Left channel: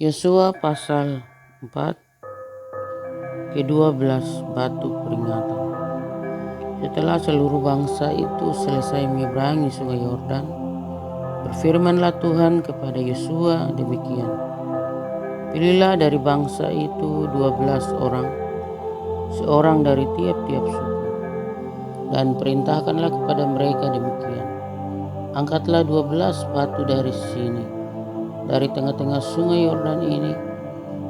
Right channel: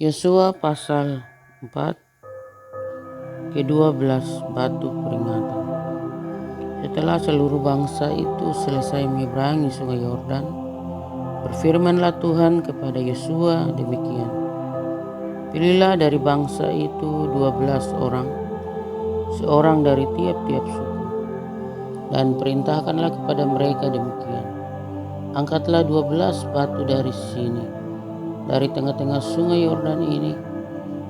Yosua pasal 4 ke-12 batu peringatan. Setelah seluruh bangsa itu selesai menyeberangi sungai Yordan, berfirmanlah Tuhan kepada Yosua demikian. Pilihlah dari bangsa itu 12 orang, seorang dari tiap-tiap suku, dan perintahkanlah kepada mereka demikian. Angkatlah 12 batu dari sini, dari tengah-tengah sungai Yordan ini,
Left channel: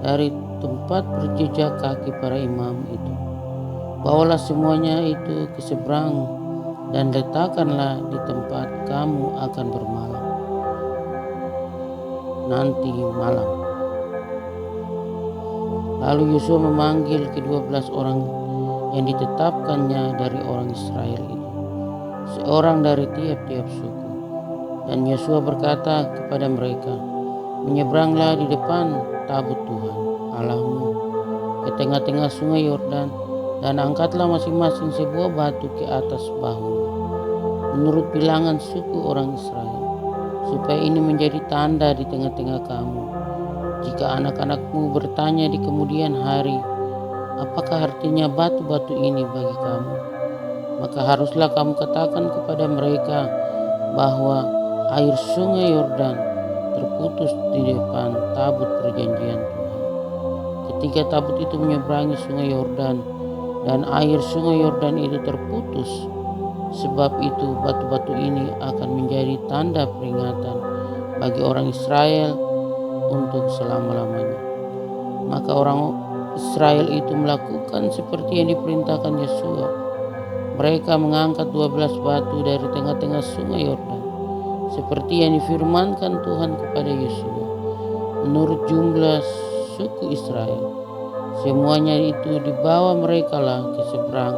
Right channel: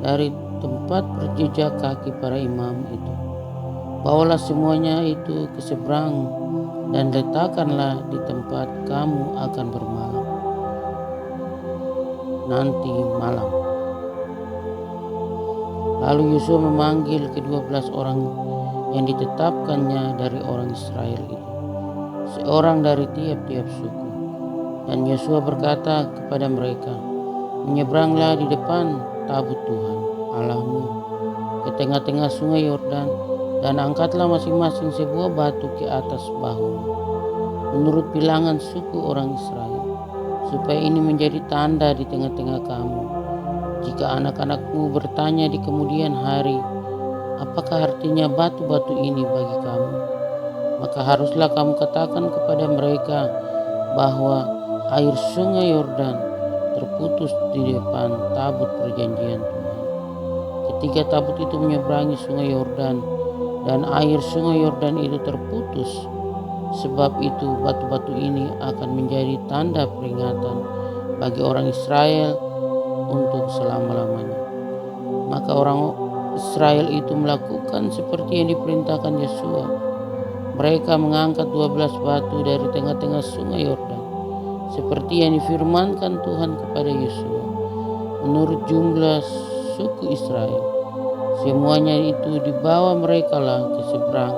dari tempat berjejak kaki para imam itu. Bawalah semuanya itu ke seberang dan letakkanlah di tempat kamu akan bermalam nanti malam. Lalu Yosua memanggil ke-12 orang yang ditetapkannya dari orang Israel itu, seorang dari tiap-tiap suku. Dan Yosua berkata kepada mereka, menyeberanglah di depan tabut Tuhan Allahmu ke tengah-tengah sungai Yordan, dan angkatlah masing-masing sebuah batu ke atas bahumu menurut bilangan suku orang Israel, supaya ini menjadi tanda di tengah-tengah kamu. Jika anak-anakmu bertanya di kemudian hari, apakah artinya batu-batu ini bagi kamu, maka haruslah kamu katakan kepada mereka bahwa air sungai Yordan terputus di depan tabut perjanjian Tuhan. Ketika tabut itu menyeberangi sungai Yordan, dan air sungai Yordan itu terputus, sebab itu batu-batu ini akan menjadi tanda peringatan bagi orang Israel untuk selama-lamanya. Maka orang Israel itu melakukan seperti yang diperintahkan Yosua. Mereka mengangkat 12 batu dari tengah-tengah sungai Yordan, seperti yang difirmankan Tuhan kepada Yosua, menurut jumlah suku Israel. Semuanya itu dibawa merekalah ke seberang,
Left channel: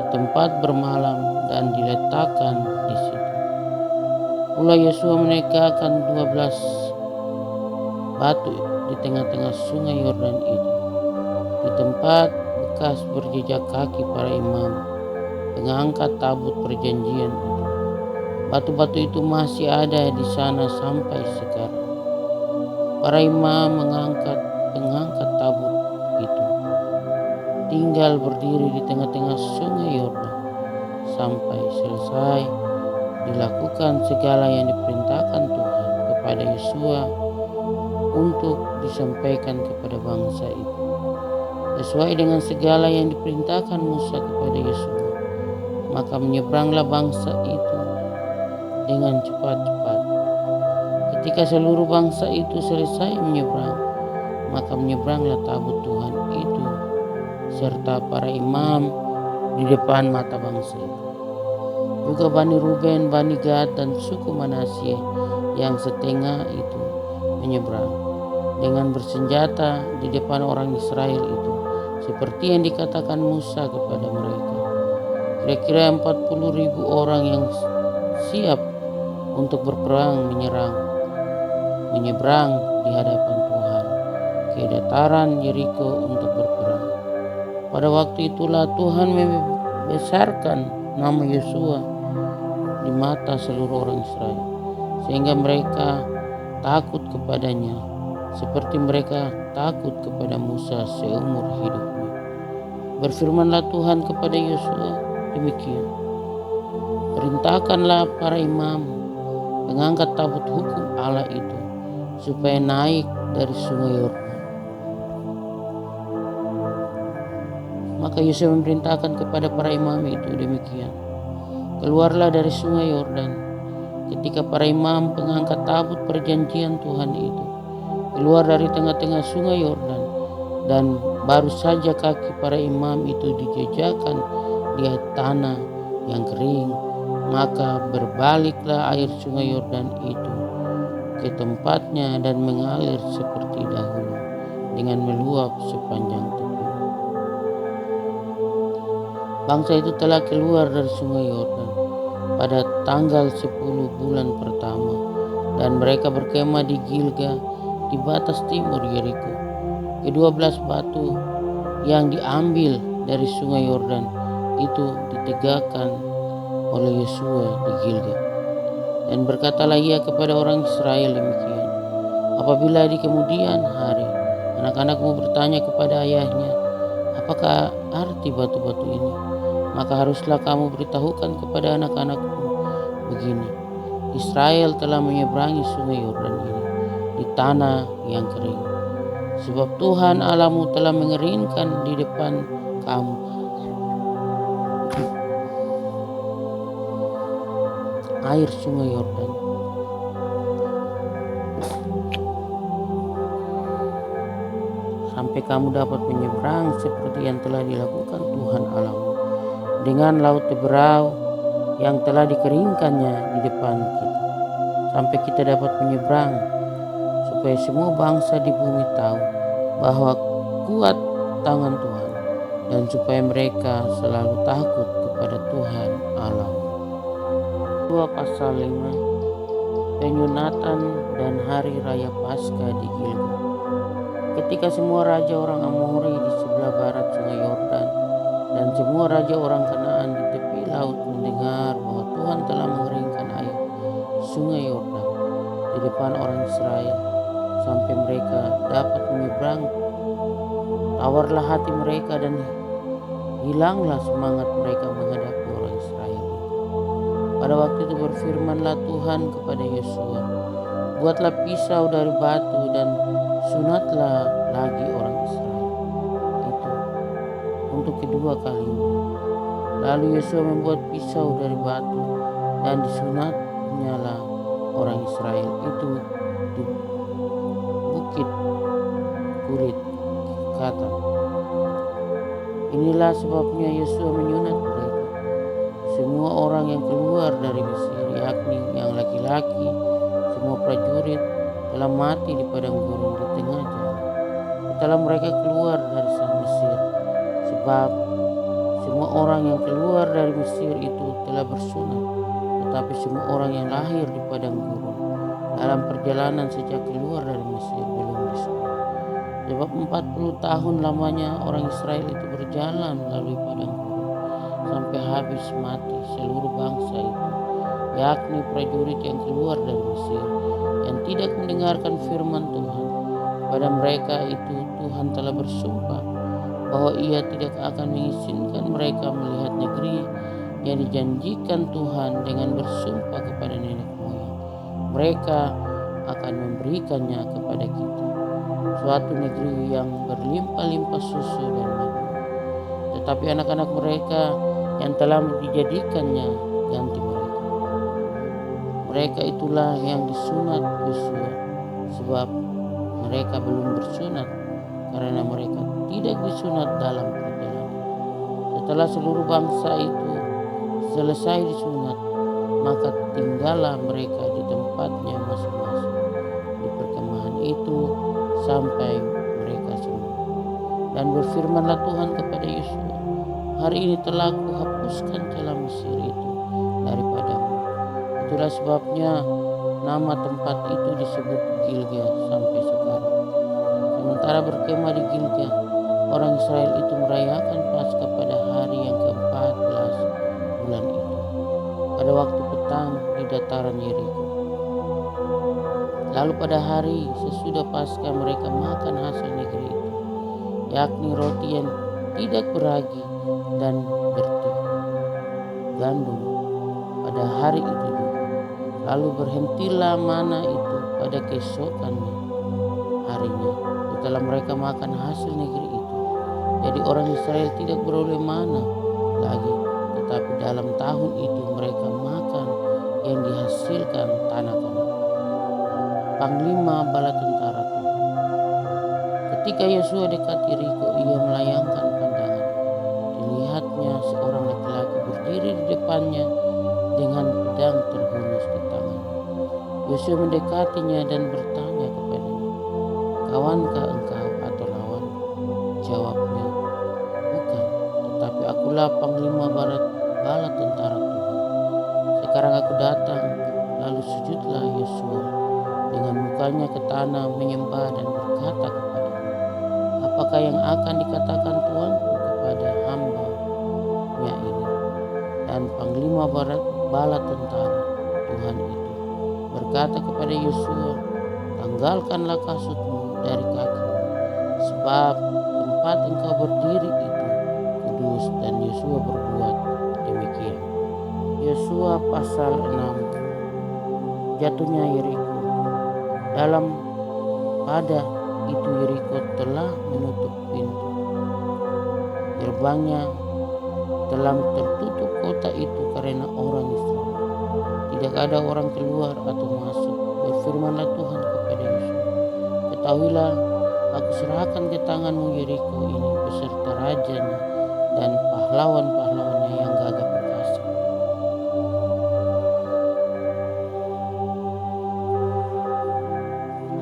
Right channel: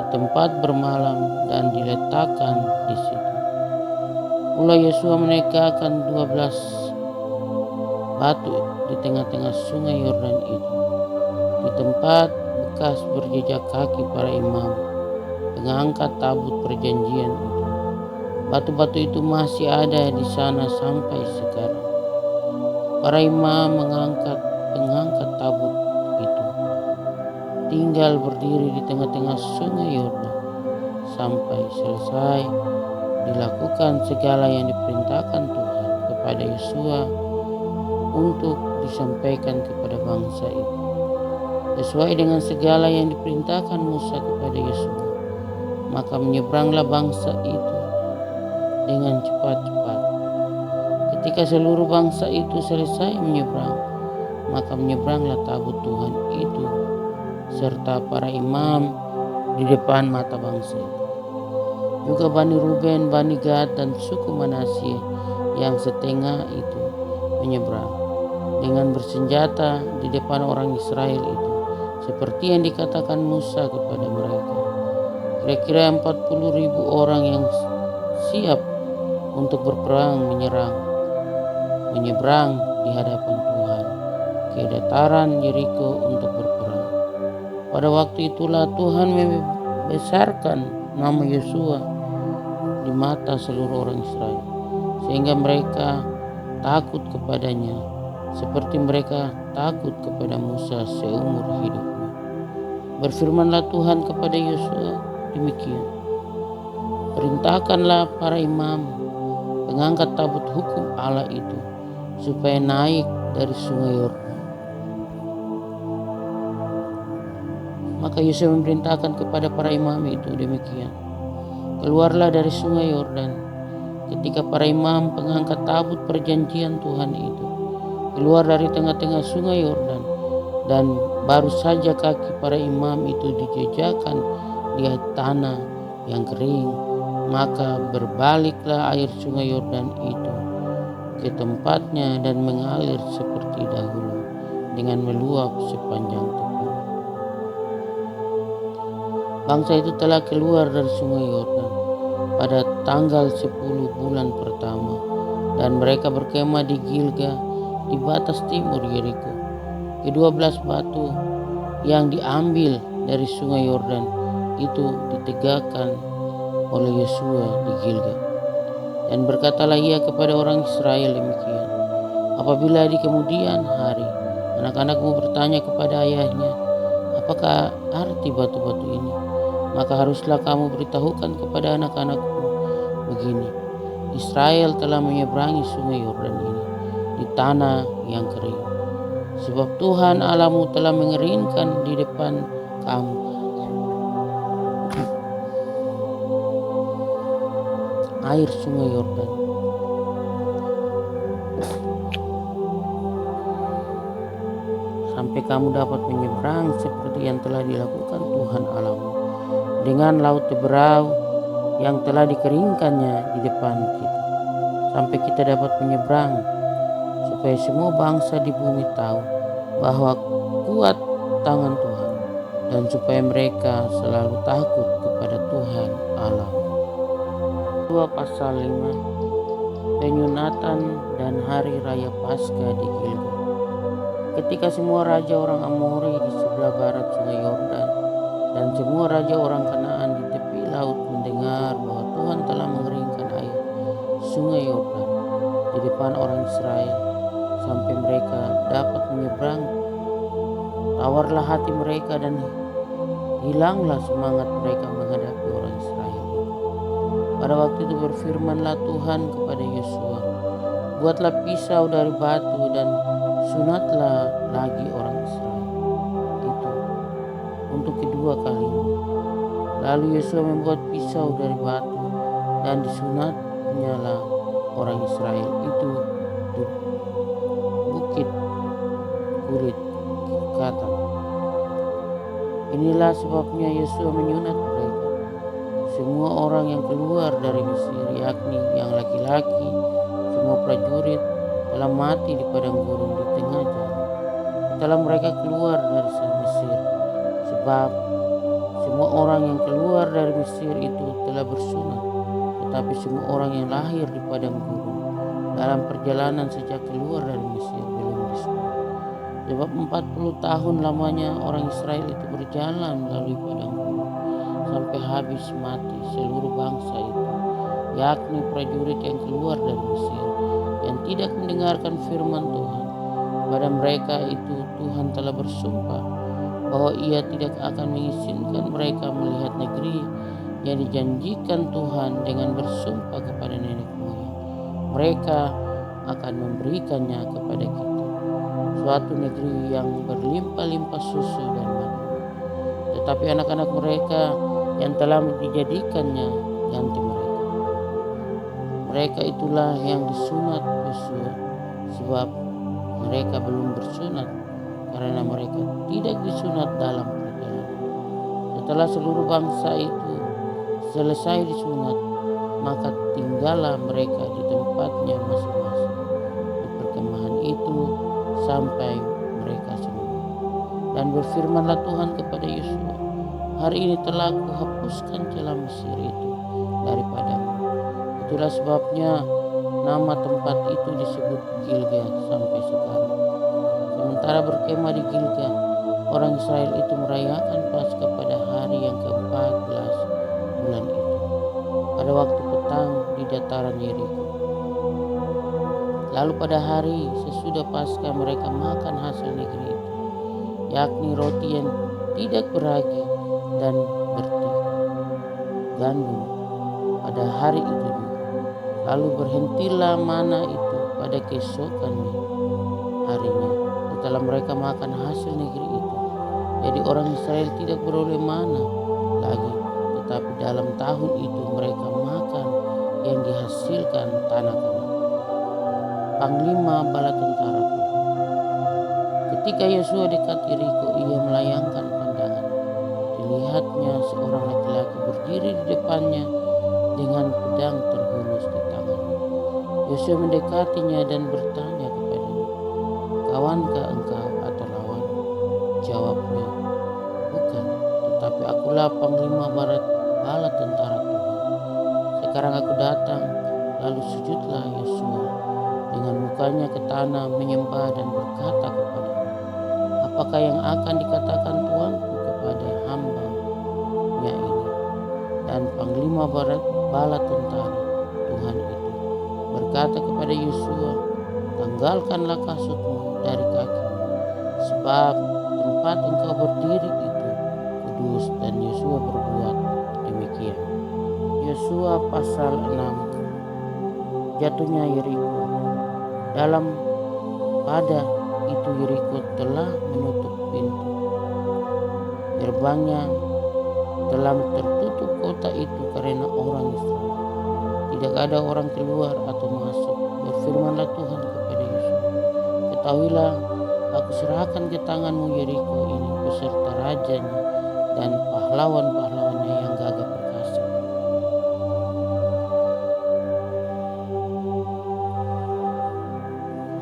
ke tempat bermalam, dan diletakkan di situ. Pula Yosua menegakkan 12 batu di tengah-tengah sungai Yordan itu, di tempat bekas berjejak kaki para imam pengangkat tabut perjanjian itu. Batu-batu itu masih ada di sana sampai sekarang. Para imam pengangkat tabut itu tinggal berdiri di tengah-tengah sungai Yordan sampai selesai dilakukan segala yang diperintahkan Tuhan kepada Yosua untuk disampaikan kepada bangsa itu, sesuai dengan segala yang diperintahkan Musa kepada Yosua. Maka menyeberanglah bangsa itu dengan cepat-cepat. Ketika seluruh bangsa itu selesai menyeberang, maka menyeberanglah tabut Tuhan itu serta para imam di depan mata bangsa itu. Juga Bani Ruben, Bani Gad, dan suku Manasye yang setengah itu menyeberang dengan bersenjata di depan orang Israel itu, seperti yang dikatakan Musa kepada mereka. Kira-kira 40.000 orang yang siap untuk berperang menyeberang di hadapan Tuhan ke dataran Yeriko untuk berperang. Pada waktu itulah Tuhan membesarkan nama Yosua di mata seluruh orang Israel, sehingga mereka takut kepadanya seperti mereka takut kepada Musa seumur hidupnya. Berfirmanlah Tuhan kepada Yosua demikian, perintahkanlah para imam pengangkat tabut hukum Allah itu supaya naik dari sungai Yordan. Maka Yosua memerintahkan kepada para imam itu demikian, keluarlah dari sungai Yordan. Ketika para imam pengangkat tabut perjanjian Tuhan itu keluar dari tengah-tengah sungai Yordan, dan baru saja kaki para imam itu dijejakkan di tanah yang kering, maka berbaliklah air sungai Yordan itu ke tempatnya dan mengalir seperti dahulu dengan meluap sepanjang tepi. Bangsa itu telah keluar dari sungai Yordan pada tanggal 10 bulan pertama, dan mereka berkemah di Gilgal di batas timur Yeriko. Ke-12 batu yang diambil dari sungai Yordan itu ditegakkan oleh Yosua di Gilgal. Dan berkatalah ia kepada orang Israel demikian, Apabila di kemudian hari anak-anakmu bertanya kepada ayahnya, apakah arti batu-batu ini? Maka haruslah kamu beritahukan kepada anak-anakmu begini, Israel telah menyeberangi sungai Yordan ini di tanah yang kering. Sebab Tuhan Allahmu telah mengeringkan di depan kamu air sungai Yordan, sampai kamu dapat menyeberang seperti yang telah dilakukan Tuhan Allahmu dengan laut Teberau yang telah dikeringkannya di depan kita, sampai kita dapat menyeberang, supaya semua bangsa di bumi tahu bahwa kuat tangan Tuhan, dan supaya mereka selalu takut kepada Tuhan Allahmu. 2 pasal 5, penyunatan dan hari raya Paskah di Gilgal. Ketika semua raja orang Amori di sebelah barat sungai Yordan dan semua raja orang Kanaan di tepi laut mendengar bahwa Tuhan telah mengeringkan air sungai Yordan di depan orang Israel sampai mereka dapat menyeberang, tawarlah hati mereka dan hilanglah semangat mereka menghadapi orang Israel itu. Pada waktu itu berfirmanlah Tuhan kepada Yosua, buatlah pisau dari batu dan sunatlah lagi orang Israel itu untuk kedua kalinya. Lalu Yosua membuat pisau dari batu dan disunatnya lah orang Israel itu di bukit kulit Katan. Inilah sebabnya Yosua menyunat mereka, semua orang yang keluar dari Mesir, yakni yang laki-laki, semua prajurit telah mati di padang gurun di tengah jalan setelah mereka keluar dari Mesir, sebab semua orang yang keluar dari Mesir itu telah bersunat, tetapi semua orang yang lahir di padang gurun dalam perjalanan sejak keluar dari Mesir belum disunat. Sebab 40 tahun lamanya orang Israel itu berjalan melalui padang gurun sampai habis mati seluruh bangsa itu, yakni prajurit yang keluar dari Mesir, yang tidak mendengarkan firman Tuhan. Pada mereka itu Tuhan telah bersumpah bahwa ia tidak akan mengizinkan mereka melihat negeri yang dijanjikan Tuhan dengan bersumpah kepada nenek moyang. Mereka akan memberikannya kepada kita, suatu negeri yang berlimpah-limpah susu dan madu. Tetapi anak-anak mereka yang telah dijadikannya ganti mereka. Mereka itulah yang disunat Yosua, sebab mereka belum bersunat karena mereka tidak disunat dalam perjalanan. Setelah seluruh bangsa itu selesai disunat, maka tinggallah mereka di tempatnya masing-masing di perkemahan itu sampai mereka sembuh. Dan berfirmanlah Tuhan kepada Yosua, hari ini telah kuhapuskan celah Mesir itu daripadamu. Itulah sebabnya nama tempat itu disebut Gilgal sampai sekarang. Sementara berkemah di Gilgal, orang Israel itu merayakan Paskah pada hari yang ke-14 bulan itu, pada waktu petang di dataran Yeriko. Lalu pada hari sesudah Paskah mereka makan hasil negeri itu, yakni roti yang tidak beragi dan gandum pada hari itu juga. Lalu berhentilah mana itu pada keesokannya harinya setelah mereka makan hasil negeri itu. Jadi orang Israel tidak beroleh mana lagi, tetapi dalam tahun itu mereka makan yang dihasilkan tanah Kanaan. Panglima bala tentara Tuhan. Ketika Yosua dekat Yeriko, ia melayangkan pandangannya. Dilihatnya seorang laki-laki berdiri di depannya dengan pedang terhunus di tangannya. Yosua mendekatinya dan bertanya kepadanya, kawankah engkau atau lawan? Jawabnya, bukan, tetapi akulah panglima bala tentara Tuhan. Sekarang aku datang. Lalu sujudlah Yosua dengan mukanya ke tanah menyembah dan berkata kepadanya, apakah yang akan dikatakan Tuanku kepada hamba-Nya ini? Dan panglima bala tentara Tuhan itu berkata kepada Yosua, tanggalkanlah kasutmu dari kakimu, sebab tempat engkau berdiri itu kudus. Dan Yosua berbuat demikian. Yosua pasal 6. Jatuhnya Yeriko. Dalam pada itu Yeriko telah menutup pintu gerbangnya, telah tertutup kota itu karena orang Israel. Tidak ada orang keluar atau masuk. Berfirmanlah Tuhan kepada Yosua, ketahuilah, aku serahkan ke tanganmu Yeriko ini beserta rajanya dan pahlawan-pahlawannya yang gagah perkasa.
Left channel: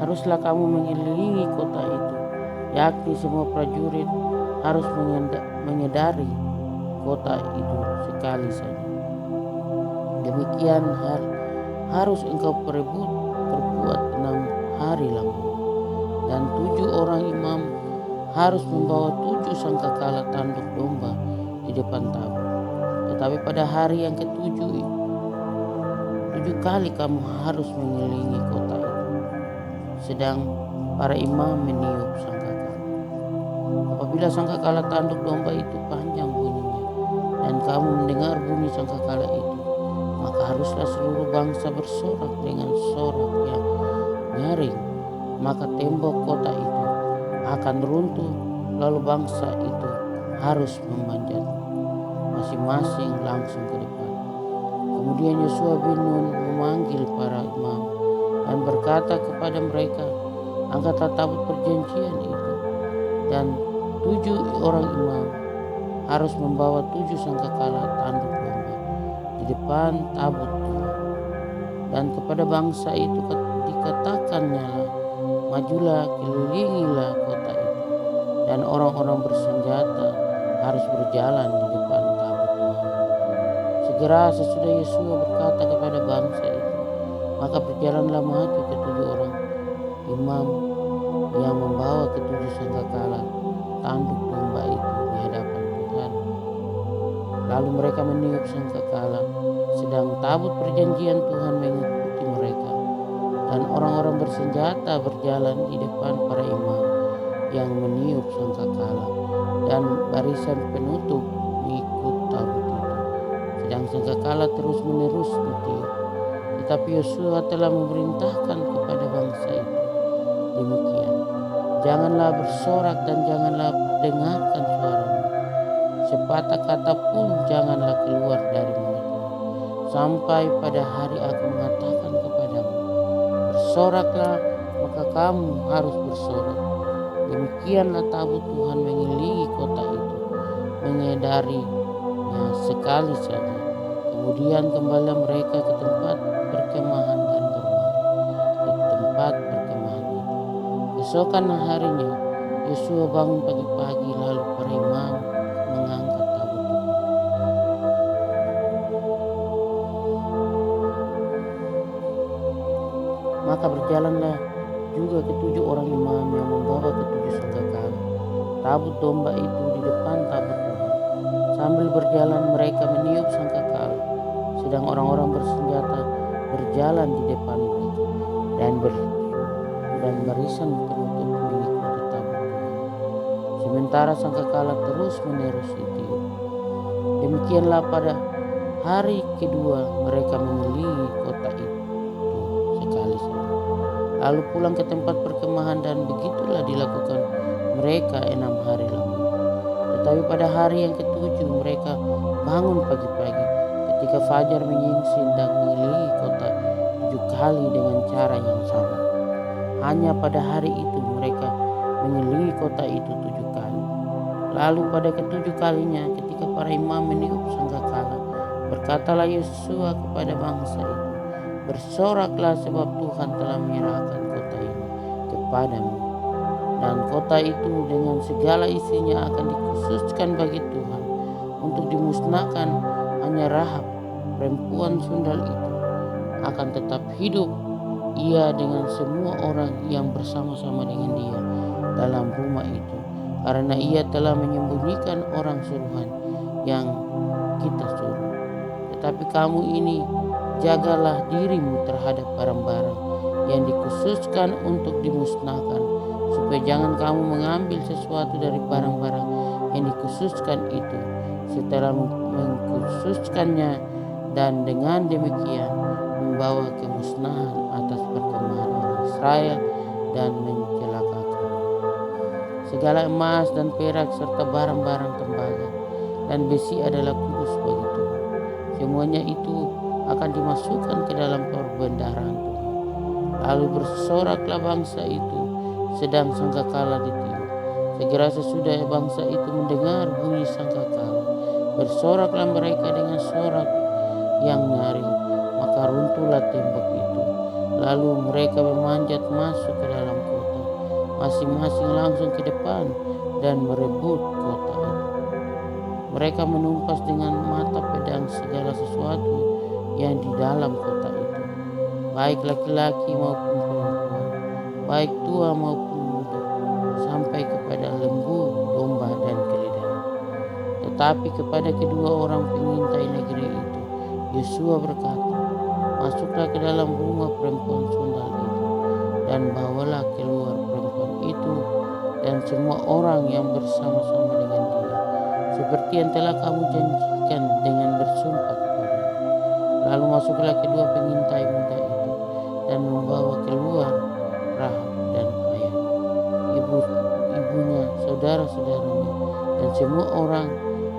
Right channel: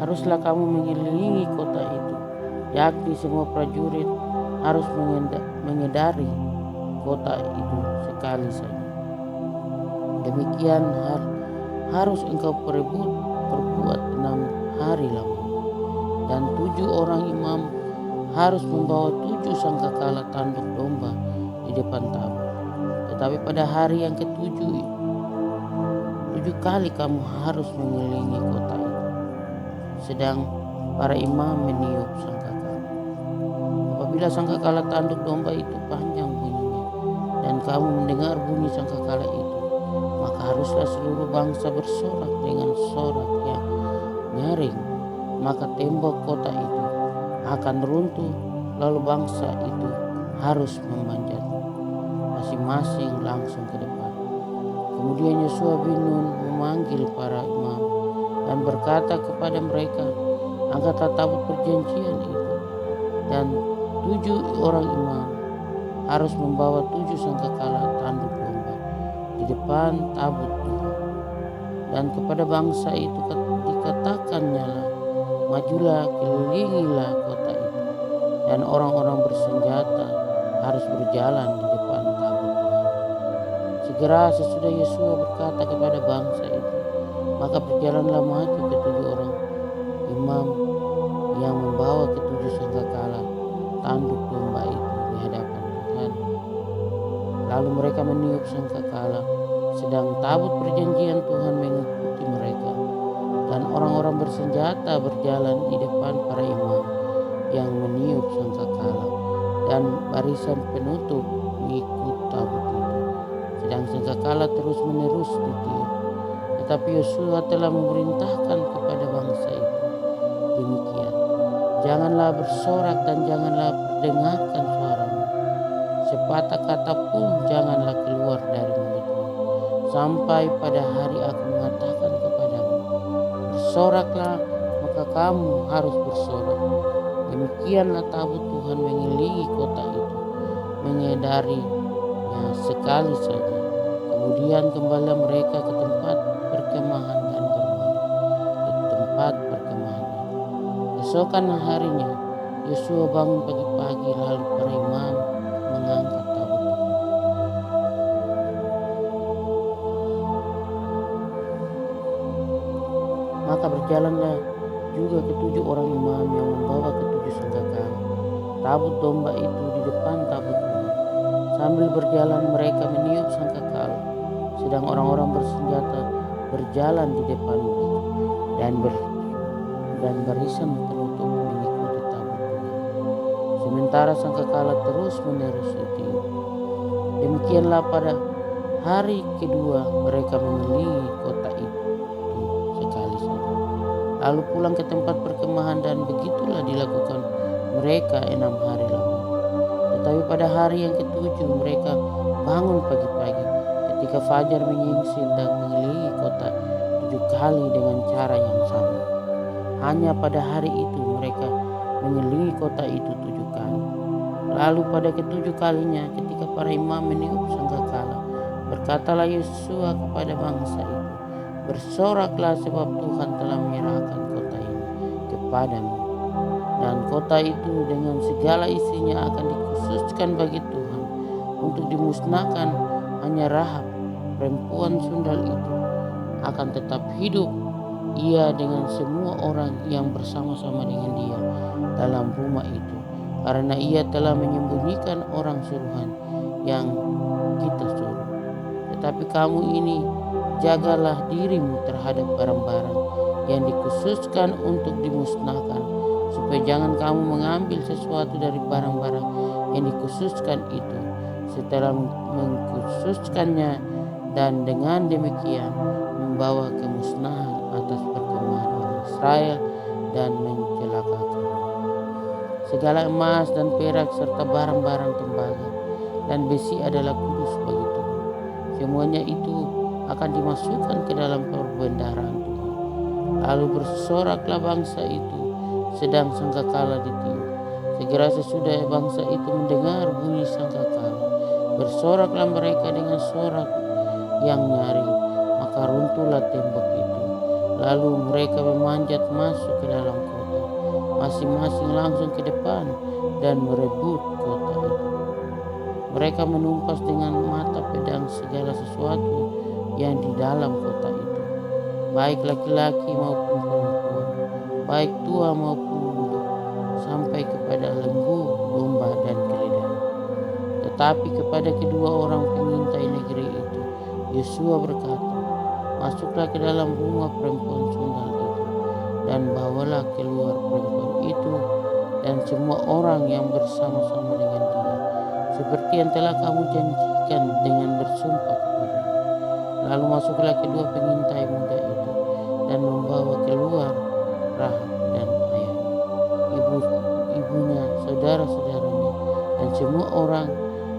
Haruslah kamu mengelilingi kota itu, yakni semua prajurit harus mengedari kota itu sekali saja. Demikian harus engkau perbuat 6 hari lamanya. Dan 7 orang imam harus membawa 7 sangkakala tanduk domba di depan tabut. Tetapi pada hari yang ke-7, 7 kali kamu harus mengelilingi kota itu, sedang para imam meniup sangkakala. Apabila sangkakala tanduk domba itu panjang bunyinya, dan kamu mendengar bunyi sangkakala itu, maka haruslah seluruh bangsa bersorak dengan sorak yang nyaring. Maka tembok kota itu akan runtuh, lalu bangsa itu harus memanjatnya, masing-masing langsung ke depan. Kemudian Yosua bin Nun memanggil para imam dan berkata kepada mereka, angkatlah tabut perjanjian itu, dan 7 orang imam harus membawa 7 sangkakala tanduk domba di depan tabut Tuhan. Dan kepada bangsa itu dikatakannya lah, majulah, kelilingilah kota itu, dan orang-orang bersenjata harus berjalan di depan tabut Tuhan. Segera sesudah Yosua berkata kepada bangsa itu, maka berjalanlah maju ke-7 orang imam yang membawa ke-7 sangkakala tanduk domba itu di hadapan Tuhan. Lalu mereka meniup sangkakala, sedang tabut perjanjian Tuhan mengikuti mereka. Dan orang-orang bersenjata berjalan di depan para imam yang meniup sangkakala, dan barisan penutup mengikut tabut itu, sedang sangkakala terus-menerus ditiup. Tetapi Yosua telah memerintahkan kepada bangsa itu demikian, janganlah bersorak dan janganlah perdengarkan suaramu, sepatah kata pun janganlah keluar dari mulutmu, sampai pada hari aku mengatakan kepadamu, bersoraklah, maka kamu harus bersorak. Demikianlah tabut Tuhan mengelilingi kota itu, mengedarinya sekali saja. Kemudian kembali mereka ke tempat perkemahan dan bermalam di tempat perkemahan itu. Keesokan harinya Yosua bangun pagi-pagi, lalu para imam mengangkat tabut Tuhan. Maka berjalanlah juga ke-7 orang imam yang membawa ke-7 sangkakala tabut domba itu di depan tabut Tuhan. Sambil berjalan mereka meniup sangkakala, sedang orang-orang bersenjata berjalan di depan mereka, dan barisan penutup mengikuti tabut Tuhan. Sementara sangkakala terus-menerus ditiup. Demikianlah pada hari kedua mereka mengelilingi kota itu sekali saja, lalu pulang ke tempat perkemahan, dan begitulah dilakukan mereka 6 hari lamanya. Tetapi pada hari yang ke-7 mereka bangun pagi-pagi ketika fajar menyingsing dan mengelilingi kota 7 kali dengan cara yang sama. Hanya pada hari itu mereka mengelilingi kota itu 7 kali. Lalu pada ke-7 kalinya ketika para imam meniup sangkakala, berkatalah Yosua kepada bangsa itu, bersoraklah, sebab Tuhan telah menyerahkan kota ini kepadamu. Dan kota itu dengan segala isinya akan dikhususkan bagi Tuhan untuk dimusnahkan. Hanya Rahab, perempuan sundal itu, akan tetap hidup, ia dengan semua orang yang bersama-sama dengan dia dalam rumah itu, karena ia telah menyembunyikan orang suruhan yang kita suruh. Tetapi kamu ini, jagalah dirimu terhadap barang-barang yang dikhususkan untuk dimusnahkan, supaya jangan kamu mengambil sesuatu dari barang-barang yang dikhususkan itu setelah mengkhususkannya, dan dengan demikian membawa kemusnahan atas perkemahan orang Israel dan mencelakakan. Segala emas dan perak serta barang-barang tembaga dan besi adalah kudus bagi Tuhan. Semuanya itu akan dimasukkan ke dalam perbendaharaan Tuhan. Lalu bersoraklah bangsa itu sedang sangkakala ditiup. Segera sesudah bangsa itu mendengar bunyi sangkakala, bersoraklah mereka dengan sorak yang nyaring, maka runtuhlah tembok itu. Lalu mereka memanjat masuk ke dalam kota, masing-masing langsung ke depan dan merebut kota itu. Mereka menumpas dengan mata pedang segala sesuatu yang di dalam kota itu, baik laki-laki maupun perempuan, baik tua maupun muda, sampai kepada lembu, domba, dan keledai. Tetapi kepada kedua orang pengintai negeri itu, Yosua berkata, masuklah ke dalam rumah perempuan sundal itu, dan bawalah keluar perempuan itu dan semua orang yang bersama-sama dengan dia, seperti yang telah kamu janjikan dengan bersumpah kepadanya. Lalu masuklah kedua pengintai muda itu dan membawa keluar Rahab dan ayahnya, ibunya, saudara-saudaranya, dan semua orang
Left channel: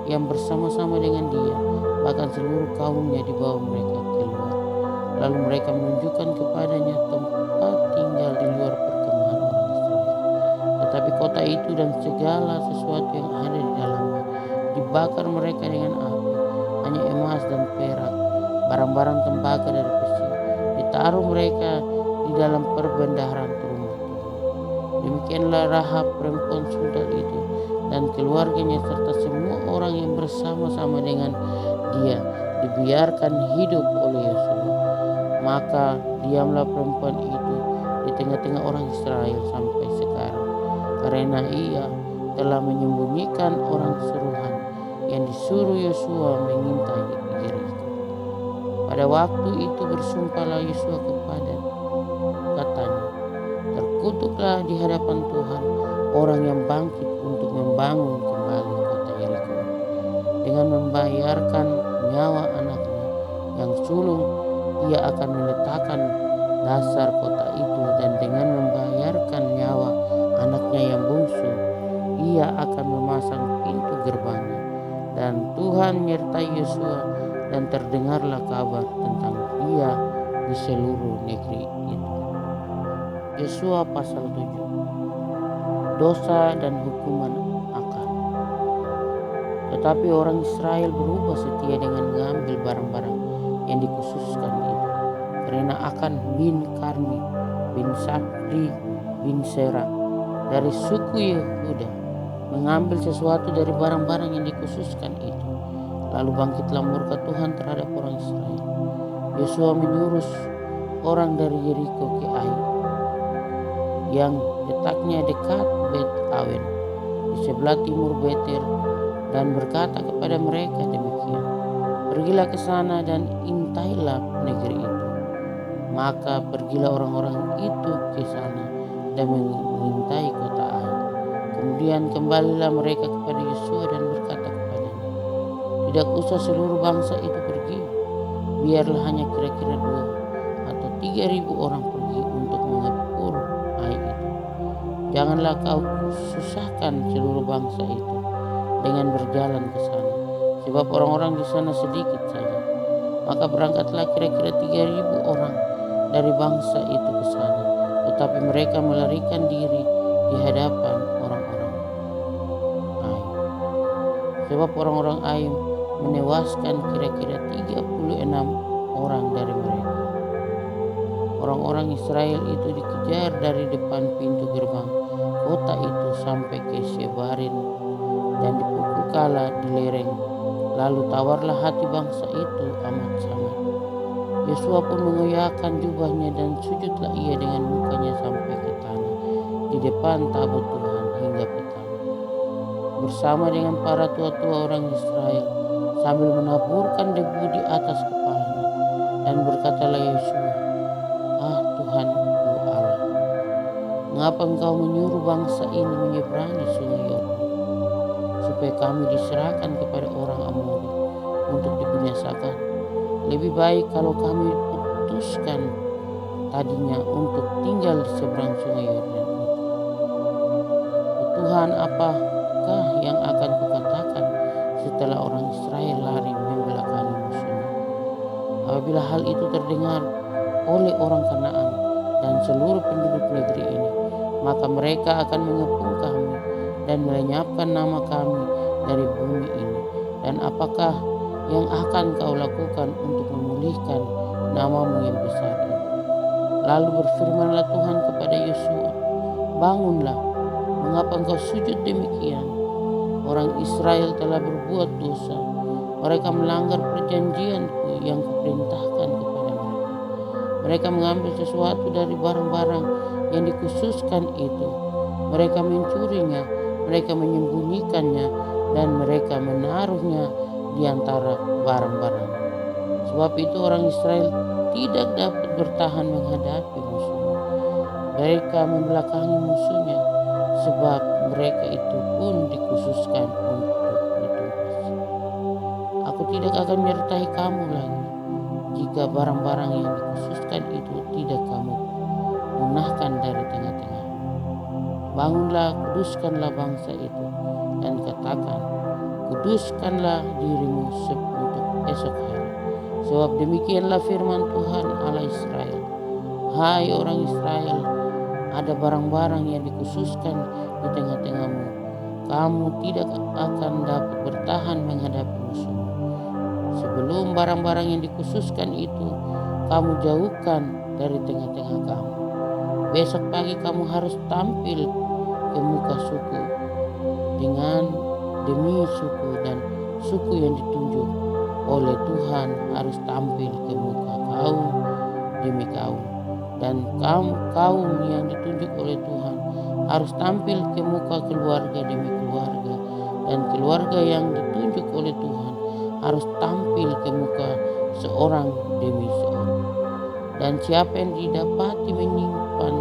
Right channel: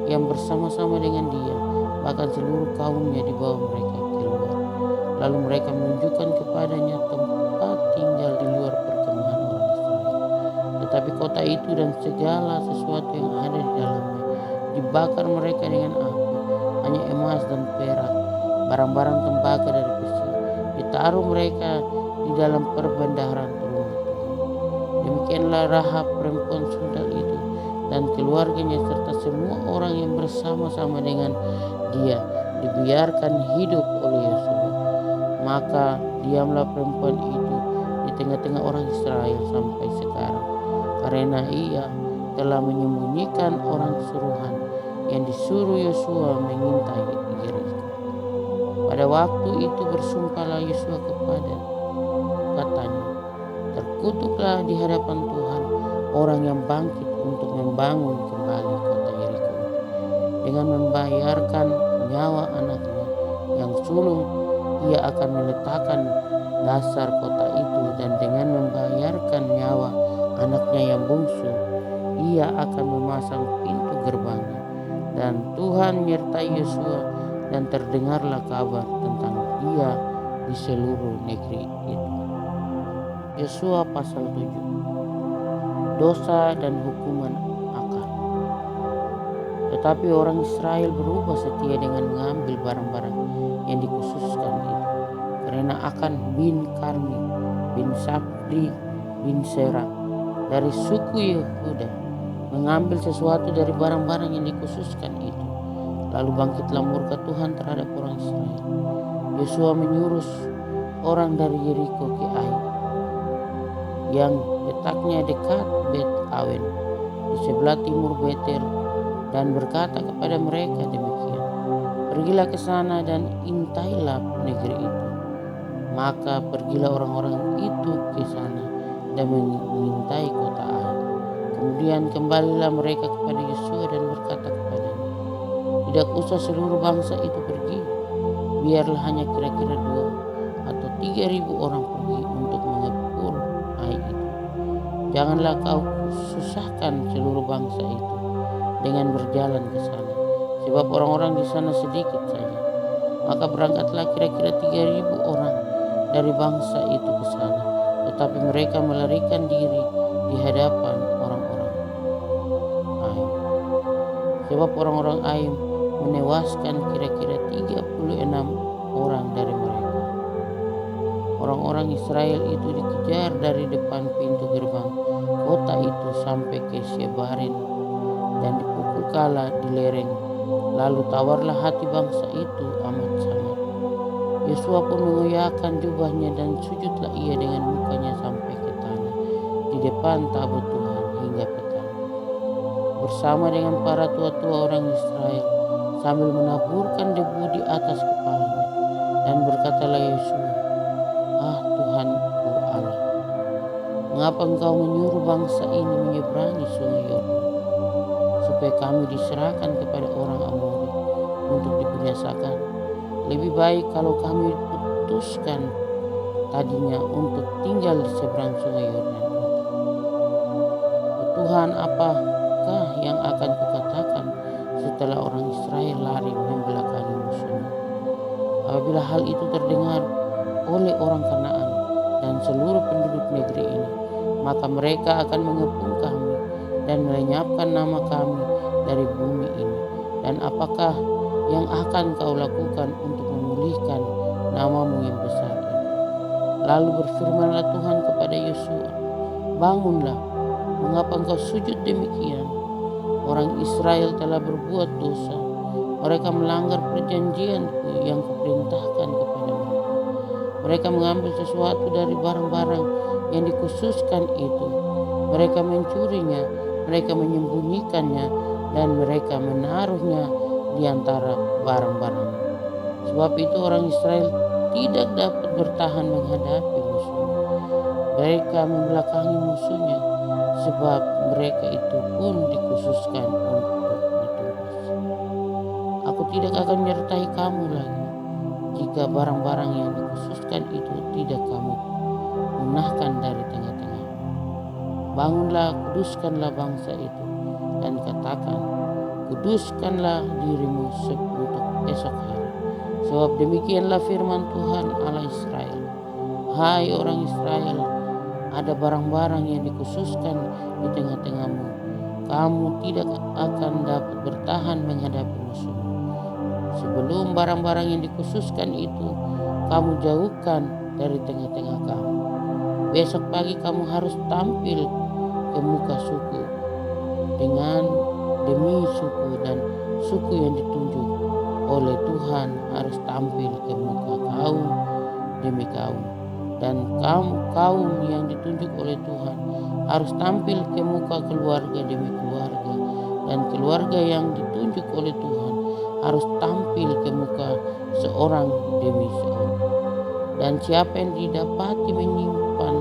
yang bersama-sama dengan dia, bahkan seluruh kaumnya dibawa mereka keluar. Lalu mereka menunjukkan kepadanya tempat tinggal di luar perkemahan orang Israel. Tetapi kota itu dan segala sesuatu yang ada di dalamnya dibakar mereka dengan api. Hanya emas dan perak, barang-barang tembaga dari besi, ditaruh mereka di dalam perbendaharaan rumah Tuhan. Demikianlah Rahab perempuan sundal itu dan keluarganya serta semua orang yang bersama-sama dengan dia dibiarkan hidup oleh Yosua. Maka diamlah perempuan itu di tengah-tengah orang Israel sampai sekarang, karena ia telah menyembunyikan orang suruhan yang disuruh Yosua mengintai Yeriko. Pada waktu itu bersumpahlah Yosua katanya, terkutuklah di hadapan Tuhan orang yang bangkit untuk membangun kembali kota Yeriko dengan membayarkan nyawa anaknya yang sulung. Ia akan meletakkan dasar kota itu, dan dengan membayarkan nyawa anaknya yang bungsu, ia akan memasang pintu gerbangnya. Dan Tuhan menyertai Yosua, dan terdengarlah kabar tentang dia di seluruh negeri itu. Yosua pasal 7. Dosa dan hukuman Akan. Tetapi orang Israel berubah setia dengan mengambil barang-barang yang dikhususkan itu, karena Akan bin Karmi bin Sabri bin Sera dari suku Yehuda mengambil sesuatu dari barang-barang yang dikhususkan itu. Lalu bangkitlah murka Tuhan terhadap orang Israel. Yosua menyuruh orang dari Yeriko ke Ai, yang letaknya dekat Bet Awen di sebelah timur Betel, dan berkata kepada mereka demikian, pergilah ke sana dan intailah negeri itu. Maka pergilah orang-orang itu ke sana dan mengintai kota Ai. Kemudian kembalilah mereka kepada Yosua dan berkata kepadanya, tidak usah seluruh bangsa itu pergi, biarlah hanya kira-kira 2 atau 3.000 orang pergi untuk mengepul Ai itu. Janganlah kau susahkan seluruh bangsa itu dengan berjalan ke sana, sebab orang-orang di sana sedikit saja. Maka berangkatlah kira-kira 3.000 orang dari bangsa itu ke sana, tetapi mereka melarikan diri di hadapan orang-orang Ai. Sebab orang-orang Ai menewaskan kira-kira 36 orang dari mereka. Orang-orang Israel itu dikejar dari depan pintu gerbang kota itu sampai ke Shebarim dan dipukul kala di lereng. Lalu tawarlah hati bangsa itu amat sangat. Yosua pun mengoyakkan jubahnya dan sujudlah ia dengan mukanya sampai ke tanah di depan tabut Tuhan hingga petang, bersama dengan para tua-tua orang Israel, sambil menaburkan debu di atas kepalanya. Dan berkatalah Yosua, ah Tuhan Mengapa engkau menyuruh bangsa ini menyeberangi sungai Yordan, supaya kami diserahkan kepada orang Amori untuk dibinasakan? Lebih baik kalau kami putuskan tadinya untuk tinggal di seberang sungai Yordan itu. Oh Tuhan, apakah yang akan kukatakan setelah orang Israel lari membelakangi musuhnya? Apabila hal itu terdengar oleh orang Kanaan dan seluruh penduduk negeri ini, maka mereka akan mengepung kami dan melenyapkan nama kami dari bumi ini. Dan apakah yang akan kau lakukan untuk memulihkan namamu yang besar itu? Lalu berfirmanlah Tuhan kepada Yosua, bangunlah, mengapa engkau sujud demikian? Orang Israel telah berbuat dosa, mereka melanggar perjanjianku yang kuperintahkan kepada mereka. Mereka mengambil sesuatu dari barang-barang yang dikhususkan itu. Mereka mencurinya, mereka menyembunyikannya, dan mereka menaruhnya di antara barang-barang. Sebab itu orang Israel tidak dapat bertahan menghadapi musuhnya. Mereka membelakangi musuhnya, sebab mereka itu pun dikhususkan untuk ditumpas. Aku tidak akan menyertai kamu lagi jika barang-barang yang dikhususkan itu tidak kamu punahkan dari tengah-tengah. Bangunlah, kuduskanlah bangsa itu, dan katakan, kuduskanlah dirimu untuk esok hari. Sebab demikianlah firman Tuhan Allah Israel. Hai orang Israel, ada barang-barang yang dikhususkan di tengah-tengahmu. Kamu tidak akan dapat bertahan menghadapi musuhmu. Sebelum barang-barang yang dikhususkan itu kamu jauhkan dari tengah-tengah kamu. Besok pagi kamu harus tampil ke muka suku demi suku, dan suku yang ditunjuk oleh Tuhan harus tampil ke muka kaum demi kaum, dan kaum yang ditunjuk oleh Tuhan harus tampil ke muka keluarga demi keluarga, dan keluarga yang ditunjuk oleh Tuhan harus tampil ke muka seorang demi seorang. Dan siapa yang didapati menyimpan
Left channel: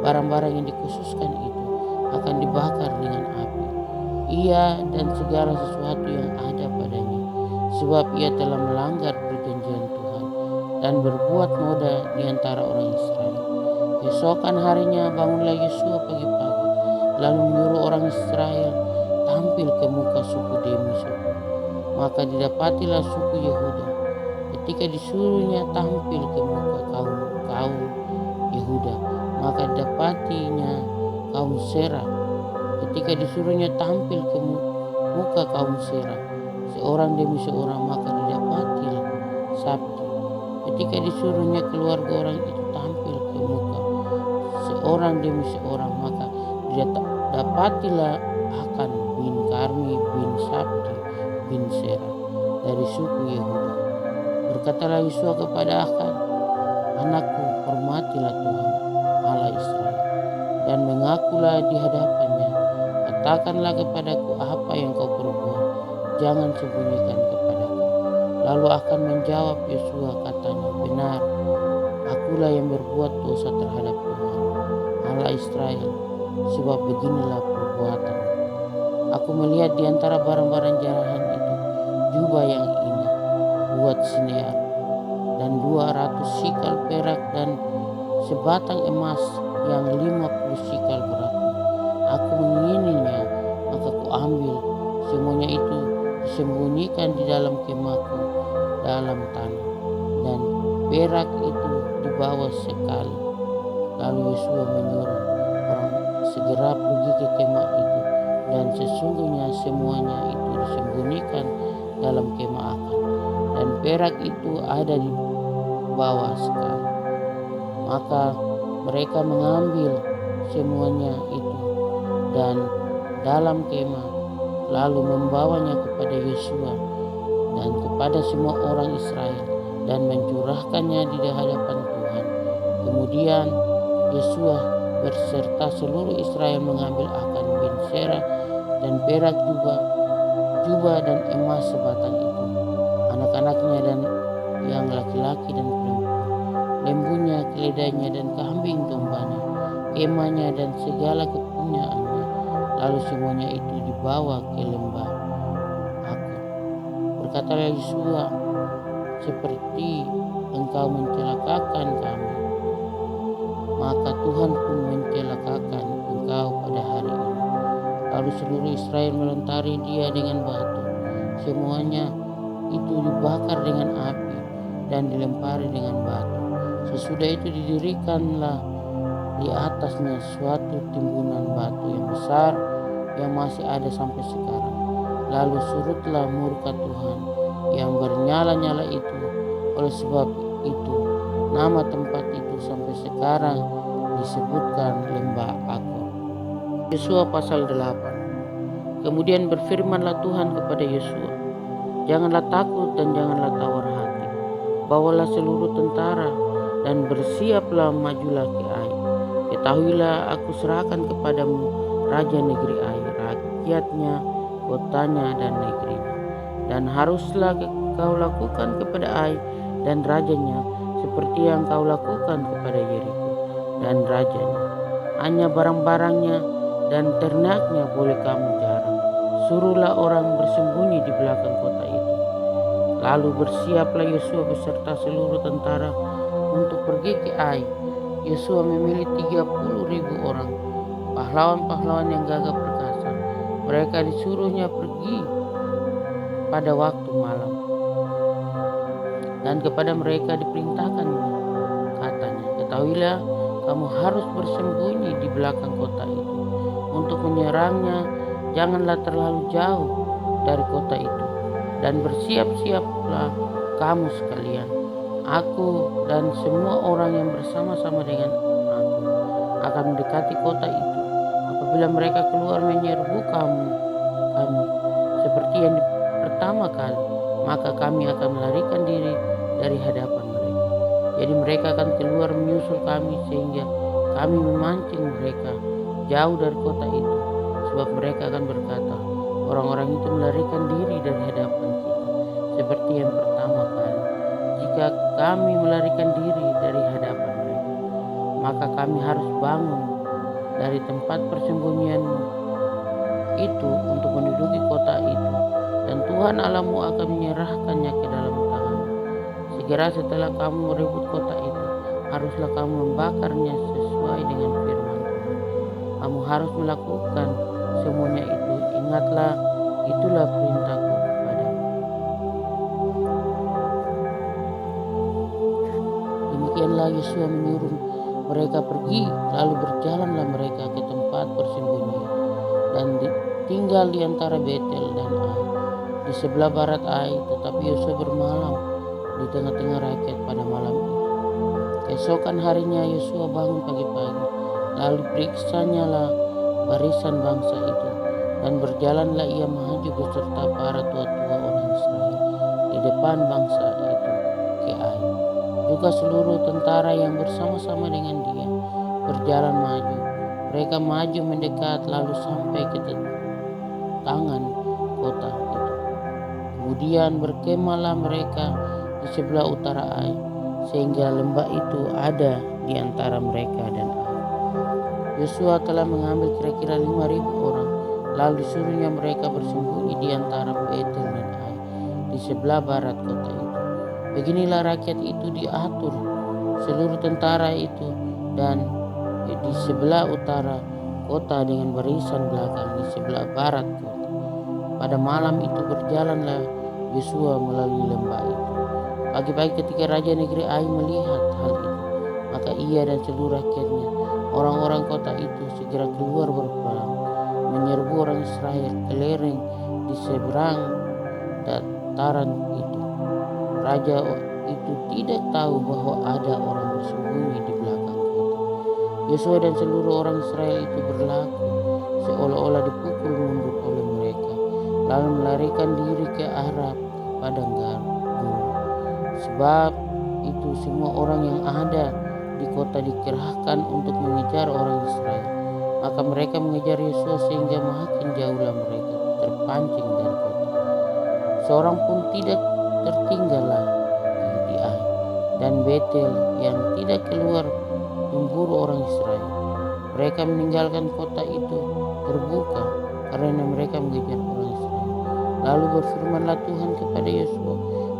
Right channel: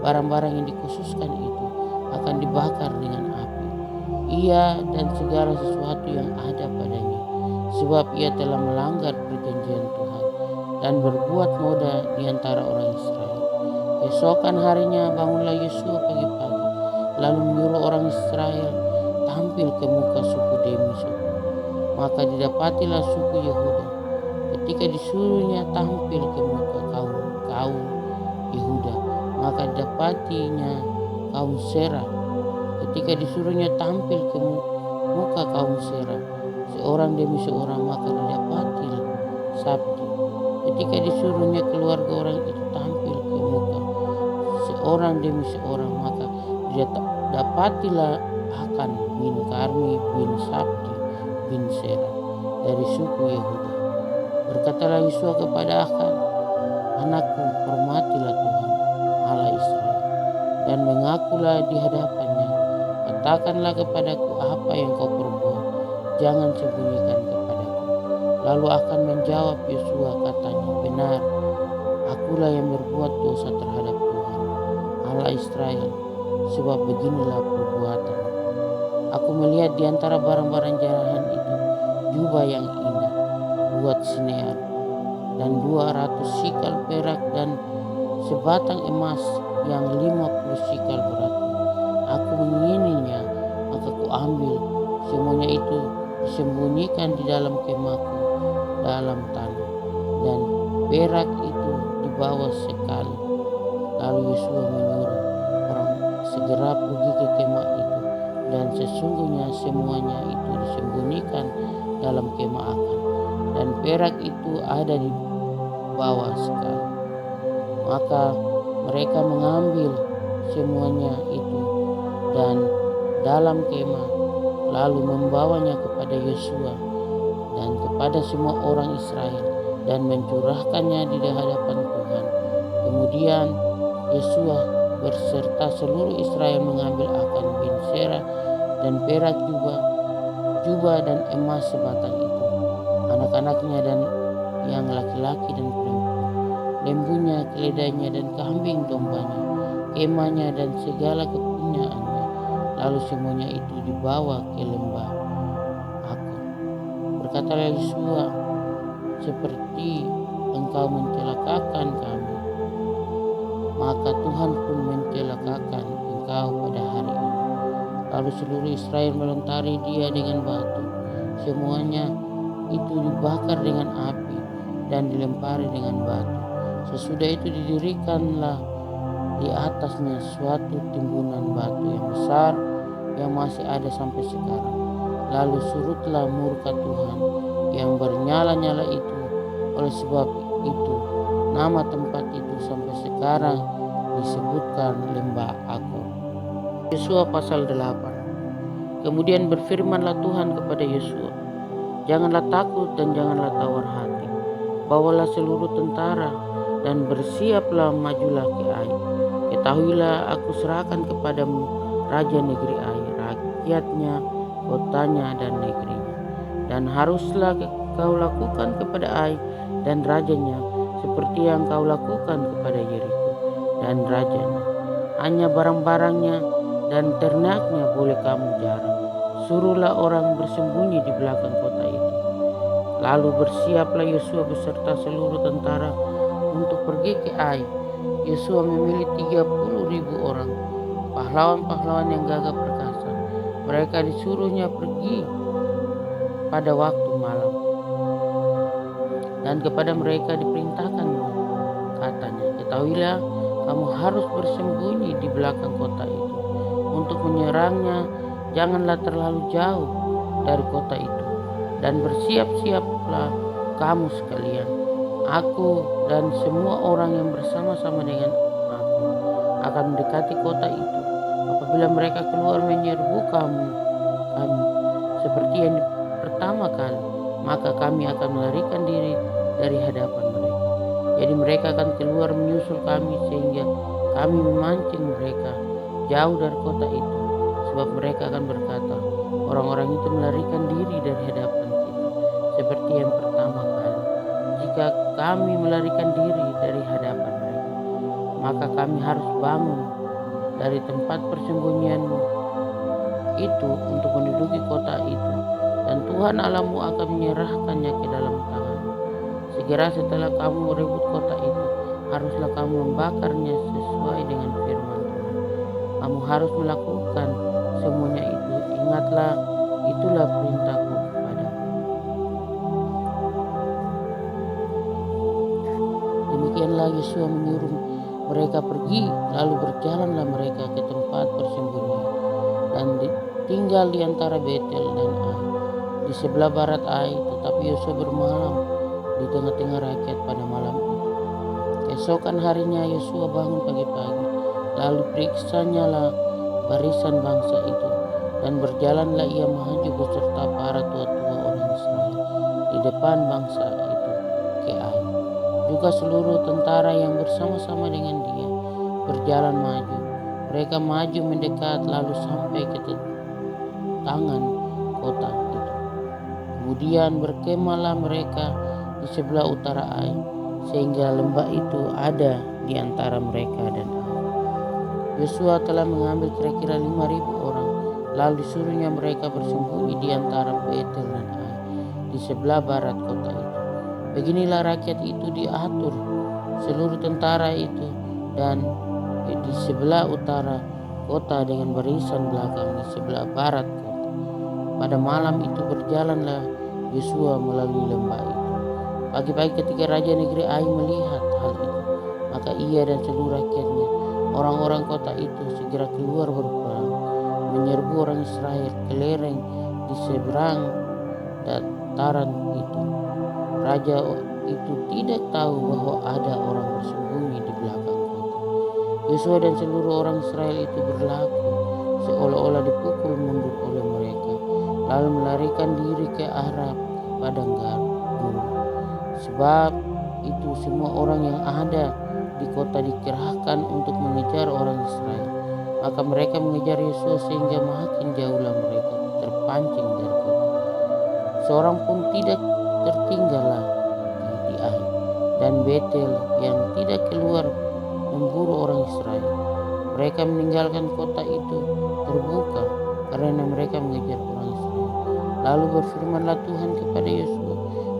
barang-barang yang dikhususkan itu akan dibakar dengan api, ia dan segala sesuatu yang ada padanya, sebab ia telah melanggar perjanjian Tuhan dan berbuat noda di antara orang Israel. Keesokan harinya bangunlah Yosua pagi-pagi, lalu menyuruh orang Israel tampil ke muka suku demi suku. Maka didapatilah suku Yehuda. Ketika disuruhnya tampil ke muka kaum Yehuda, maka didapatinya kaum Serah. Ketika disuruhnya tampil ke muka kaum Serah, seorang demi seorang, maka didapati Sabdi. Ketika disuruhnya keluarga orang itu tampil ke muka seorang demi seorang, maka didapatilah Akan bin Karmi bin Sabdi bin Serah dari suku Yehuda. Berkatalah Yosua kepada Akan, anakku, hormatilah Tuhan Allah Israel dan mengakulah di hadapannya. Katakanlah kepadaku apa yang kau perbuat, jangan sembunyikan kepadaku. Lalu Akan menjawab Yosua, katanya, benar, akulah yang berbuat dosa terhadap Tuhan Allah Israel, sebab beginilah perbuatan. Aku melihat di antara barang-barang jarahan itu jubah yang indah buat Sinear, dan 200 sikal perak, dan sebatang emas yang 50 sikal beratnya. Aku mengingininya, maka ku ambil. Semuanya itu disembunyikan di dalam kemahku dalam tanah, dan perak itu dibawa sekali. Lalu Yosua menyuruh orang segera pergi ke kemah itu, dan sesungguhnya semuanya itu disembunyikan dalam kemah Akan, dan perak itu ada di bawah sekali. Maka mereka mengambil semuanya itu dan dalam kemah, lalu membawanya kepada Yosua dan kepada semua orang Israel, dan mencurahkannya di hadapan Tuhan. Kemudian Yosua berserta seluruh Israel mengambil Akan bin Serah dan perak jubah dan emas sebatang itu, anak-anaknya dan yang laki-laki dan perempuan, lembunya, keledainya, dan kambing dombanya, kemahnya dan segala kepunyaannya. Lalu semuanya itu dibawa ke lembah Akor. Berkatalah Yosua, seperti engkau mencelakakan kami, maka Tuhan pun mencelakakan engkau pada hari ini. Lalu seluruh Israel melontari dia dengan batu. Semuanya itu dibakar dengan api dan dilempari dengan batu. Sesudah itu didirikanlah di atasnya suatu timbunan batu yang besar yang masih ada sampai sekarang. Lalu surutlah murka Tuhan yang bernyala-nyala itu. Oleh sebab itu nama tempat itu sampai sekarang disebutkan lembah Akor. Yosua pasal 8. Kemudian berfirmanlah Tuhan kepada Yosua, janganlah takut dan janganlah tawar hati. Bawalah seluruh tentara dan bersiaplah majulah ke Ai. Ketahuilah aku serahkan kepadamu raja negeri Ai, rakyatnya, kotanya dan negerinya. Dan haruslah kau lakukan kepada Ai dan rajanya seperti yang kau lakukan kepada Yeriko dan rajanya. Hanya barang-barangnya dan ternaknya boleh kamu jarang. Suruhlah orang bersembunyi di belakang kota itu. Lalu bersiaplah Yosua beserta seluruh tentara untuk pergi ke Ai. Yosua memilih 30.000 orang, pahlawan-pahlawan yang gagah perkasa. Mereka disuruhnya pergi pada waktu malam. Dan kepada mereka diperintahkannya, katanya, ketahuilah kamu harus bersembunyi di belakang kota itu. Untuk menyerangnya janganlah terlalu jauh dari kota itu. Dan bersiap-siaplah kamu sekalian, aku dan semua orang yang bersama-sama dengan aku akan mendekati kota itu. Apabila mereka keluar menyerbu kami seperti yang pertama kali, maka kami akan melarikan diri dari hadapan mereka. Jadi mereka akan keluar menyusul kami sehingga kami memancing mereka jauh dari kota itu. Sebab mereka akan berkata, orang-orang itu melarikan diri dari hadapan kita seperti yang pertama kali. Jika kami melarikan diri dari hadapan mereka, maka kami harus bangun dari tempat persembunyianmu itu untuk menduduki kota itu, dan Tuhan Allahmu akan menyerahkannya ke dalam tanganmu. Segera setelah kamu merebut kota itu, haruslah kamu membakarnya sesuai dengan firman Tuhan. Kamu harus melakukan semuanya itu. Ingatlah, itulah perintahku kepadamu. Demikianlah Yosua menyuruh mereka pergi, lalu berjalanlah mereka ke tempat persembunyian dan tinggal di antara Betel dan Ai, di sebelah barat Ai. Tetapi Yosua bermalam di tengah-tengah rakyat pada malam itu. Keesokan harinya Yosua bangun pagi-pagi, lalu periksanya lah barisan bangsa itu, dan berjalanlah ia maju beserta para tua-tua orang Israel di depan bangsa itu ke Ai. Juga seluruh tentara yang bersama-sama dengan dia berjalan maju. Mereka maju mendekat lalu sampai ke tangan kota itu. Kemudian berkemahlah mereka di sebelah utara Ai, sehingga lembah itu ada di antara mereka dan Ai. Yosua telah mengambil kira-kira 5.000 orang, lalu disuruhnya mereka bersembunyi di antara Betel dan Ai, di sebelah barat kota itu. Beginilah rakyat itu diatur, seluruh tentara itu, dan di sebelah utara kota dengan barisan belakang di sebelah barat kota. Pada malam itu berjalanlah Yosua melalui lembah itu. Pagi-pagi ketika raja negeri Ai melihat hal itu, maka ia dan seluruh rakyatnya, orang-orang kota itu, segera keluar berperang, menyerbu orang Israel ke lereng di seberang dataran itu. Raja itu tidak tahu bahwa ada orang bersembunyi di belakang kota. Yosua dan seluruh orang Israel itu berlaku seolah-olah dipukul mundur oleh mereka, lalu melarikan diri ke arah padang gurun. Sebab itu semua orang yang ada di kota dikerahkan untuk mengejar orang Israel. Maka mereka mengejar Yosua sehingga makin jauhlah mereka terpancing dari kota. Seorang pun tidak tertinggallah di Ai dan Betel yang tidak keluar memburu orang Israel. Mereka meninggalkan kota itu terbuka karena mereka mengejar orang Israel. Lalu berfirmanlah Tuhan kepada Yosua,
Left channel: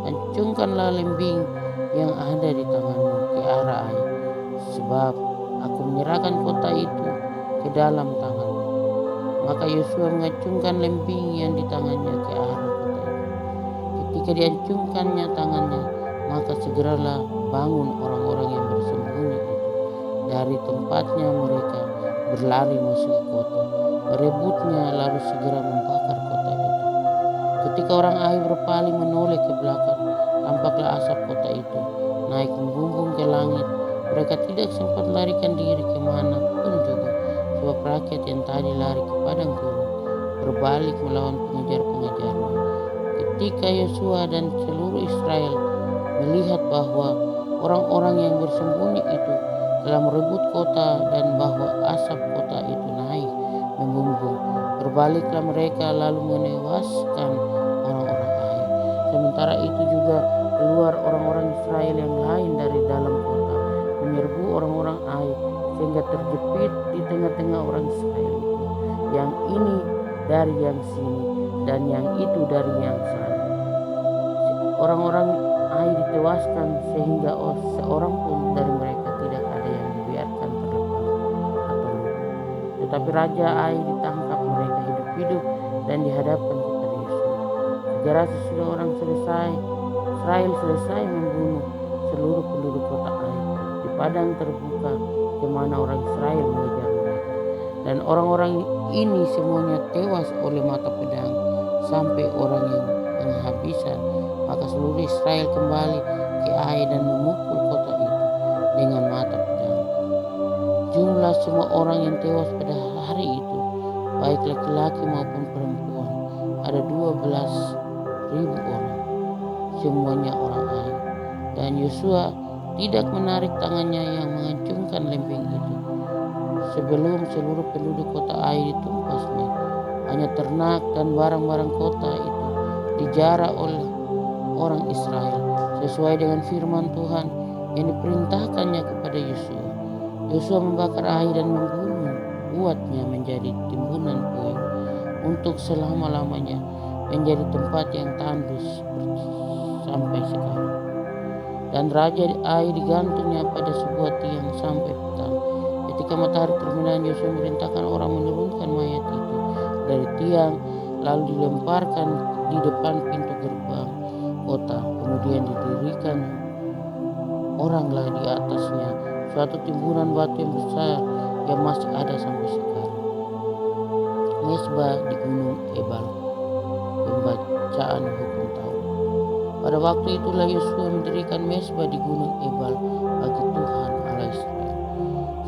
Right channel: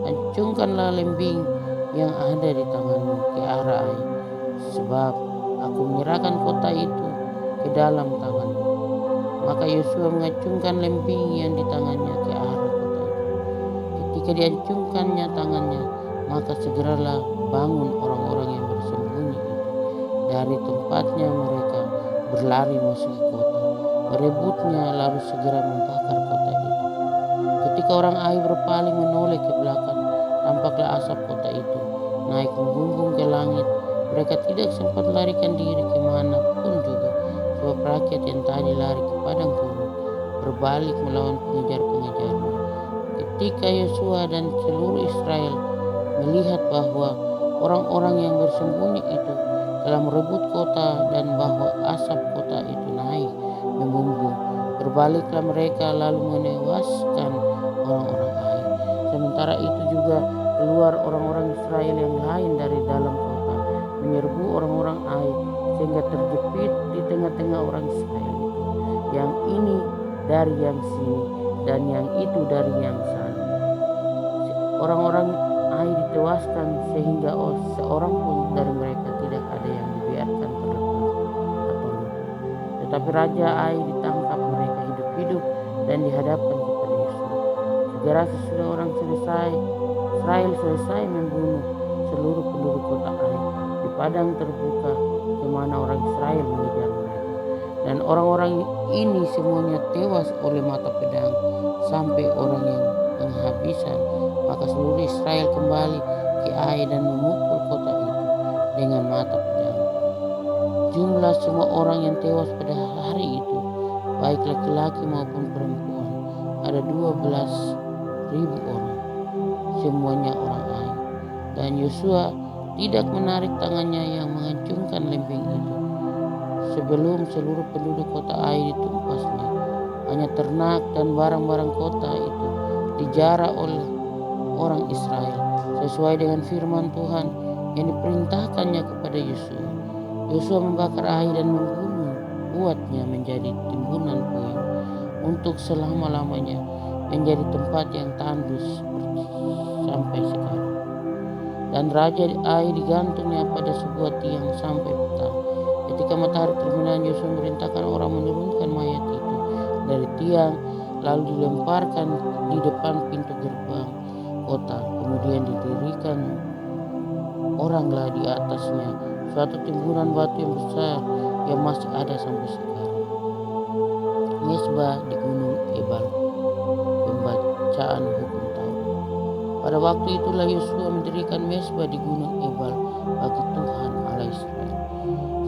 hancurkanlah lembing yang ada di tanganmu ke arah Ai, sebab aku menyerahkan kota itu ke dalam tanganmu. Maka Yosua mengacungkan lembing yang di tangannya ke arah kota itu. Ketika diacungkannya tangannya, maka segeralah bangun orang-orang yang bersembunyi itu dari tempatnya. Mereka berlari masuk ke kota, merebutnya, lalu segera membakar kota itu. Ketika orang Ai berpaling menoleh ke belakang, tampaklah asap kota itu naik membumbung ke langit. Mereka tidak sempat larikan diri kemana pun juga, sebab rakyat yang tadi lari ke padang gurun berbalik melawan pengejar-pengejarnya. Ketika Yosua dan seluruh Israel melihat bahwa orang-orang yang bersembunyi itu telah merebut kota dan bahwa asap kota itu naik membumbung, berbaliklah mereka lalu menewaskan orang-orang Ai. Sementara itu juga keluar orang-orang Israel yang lain dari dalam kota, menyerbu orang-orang Ai, sehingga terjepit di tengah-tengah orang Israel itu. Yang ini dari yang sini dan yang itu dari yang sana. Orang-orang Ai ditewaskan sehingga seorang pun dari mereka tidak ada yang dibiarkan terlepas atau lupa. Tetapi Raja Ai ditangkap mereka hidup-hidup dan dihadapkan kepada Yosua. Segera sesudah Israel selesai membunuh seluruh penduduk kota Ai di padang terbuka kemana orang Israel mengejar mereka. Dan orang-orang ini semuanya tewas oleh mata pedang sampai orang yang penghabisan. Maka seluruh Israel kembali ke Ai dan memukul kota itu dengan mata pedang. Jumlah semua orang yang tewas pada hari itu, baik laki-laki maupun perempuan, ada 12.000 orang, semuanya orang Ai. Dan Yosua tidak menarik tangannya yang mengacungkan lembing itu sebelum seluruh penduduk kota Ai ditumpasnya. Hanya ternak dan barang-barang kota itu dijarah oleh orang Israel sesuai dengan firman Tuhan yang diperintahkannya kepada Yosua. Yosua membakar Ai dan membuatnya menjadi timbunan puing untuk selama-lamanya, menjadi tempat yang tandus sampai sekarang. Dan Raja Ai digantungnya pada sebuah tiang sampai petang. Ketika matahari terbenam, Yosua memerintahkan orang menurunkan mayat itu dari tiang, lalu dilemparkan di depan pintu gerbang kota. Kemudian didirikan oranglah di atasnya suatu timbunan batu yang besar yang masih ada sampai sekarang, mesbah di Gunung Ebal, pembacaan hukum Taurat. Pada waktu itulah Yosua mendirikan mesbah di Gunung Ebal bagi Tuhan Allah Israel,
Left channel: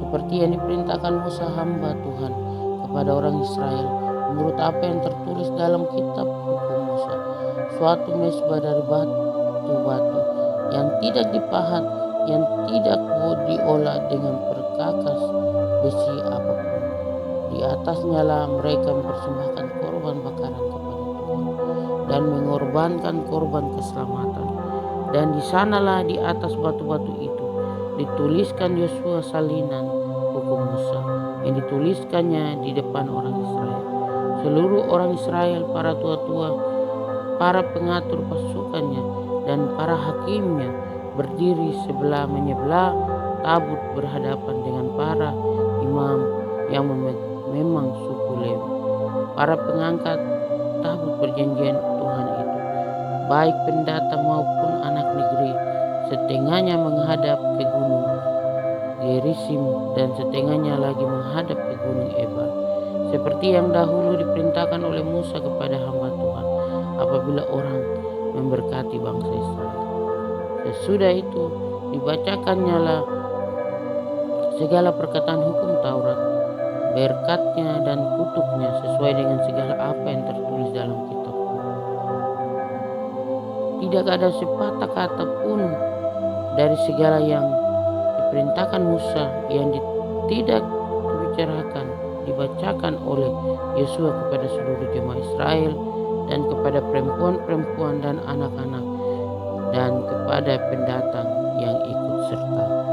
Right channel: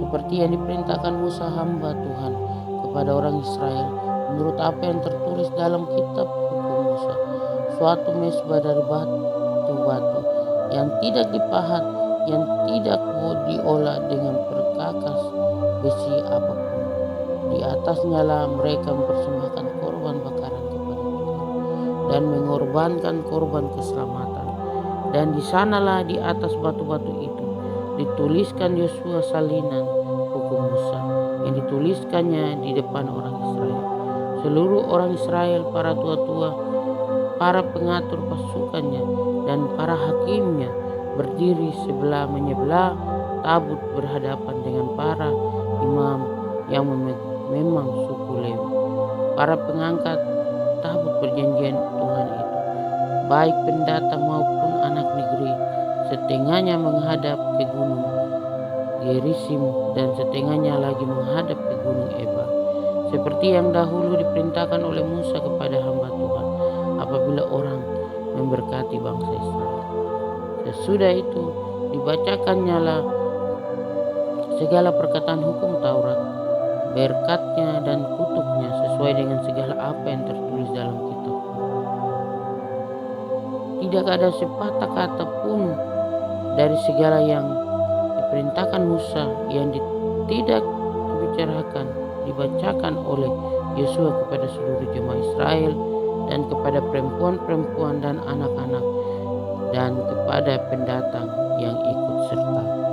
seperti yang diperintahkan Musa hamba Tuhan kepada orang Israel menurut apa yang tertulis dalam kitab hukum Musa. Suatu mesbah dari batu-batu yang tidak dipahat, yang tidak diolah dengan perkakas besi apapun. Di atasnya lah mereka mempersembahkan korban bakaran kepada Tuhan dan mengorbankan korban keselamatan. Dan di sanalah di atas batu-batu itu dituliskan Yosua salinan hukum Musa yang dituliskannya di depan orang Israel. Seluruh orang Israel, para tua-tua, para pengatur pasukannya, dan para hakimnya berdiri sebelah menyebelah tabut berhadapan dengan para imam yang memang suku Lewi, para pengangkat tabut perjanjian Tuhan itu, baik pendatang maupun anak negeri. Setengahnya menghadap ke gunung Gerisim dan setengahnya lagi menghadap ke gunung Ebal, seperti yang dahulu diperintahkan oleh Musa kepada hamba Tuhan apabila orang memberkati bangsa Israel. Sesudah itu dibacakannya lah segala perkataan hukum Taurat, berkatnya dan kutuknya sesuai dengan segala apa yang tertulis dalam kitab. Tidak ada sepatah kata pun dari segala yang diperintahkan Musa yang tidak dibacakan oleh Yosua kepada seluruh jemaah Israel dan kepada perempuan-perempuan dan anak-anak dan kepada pendatang yang ikut serta.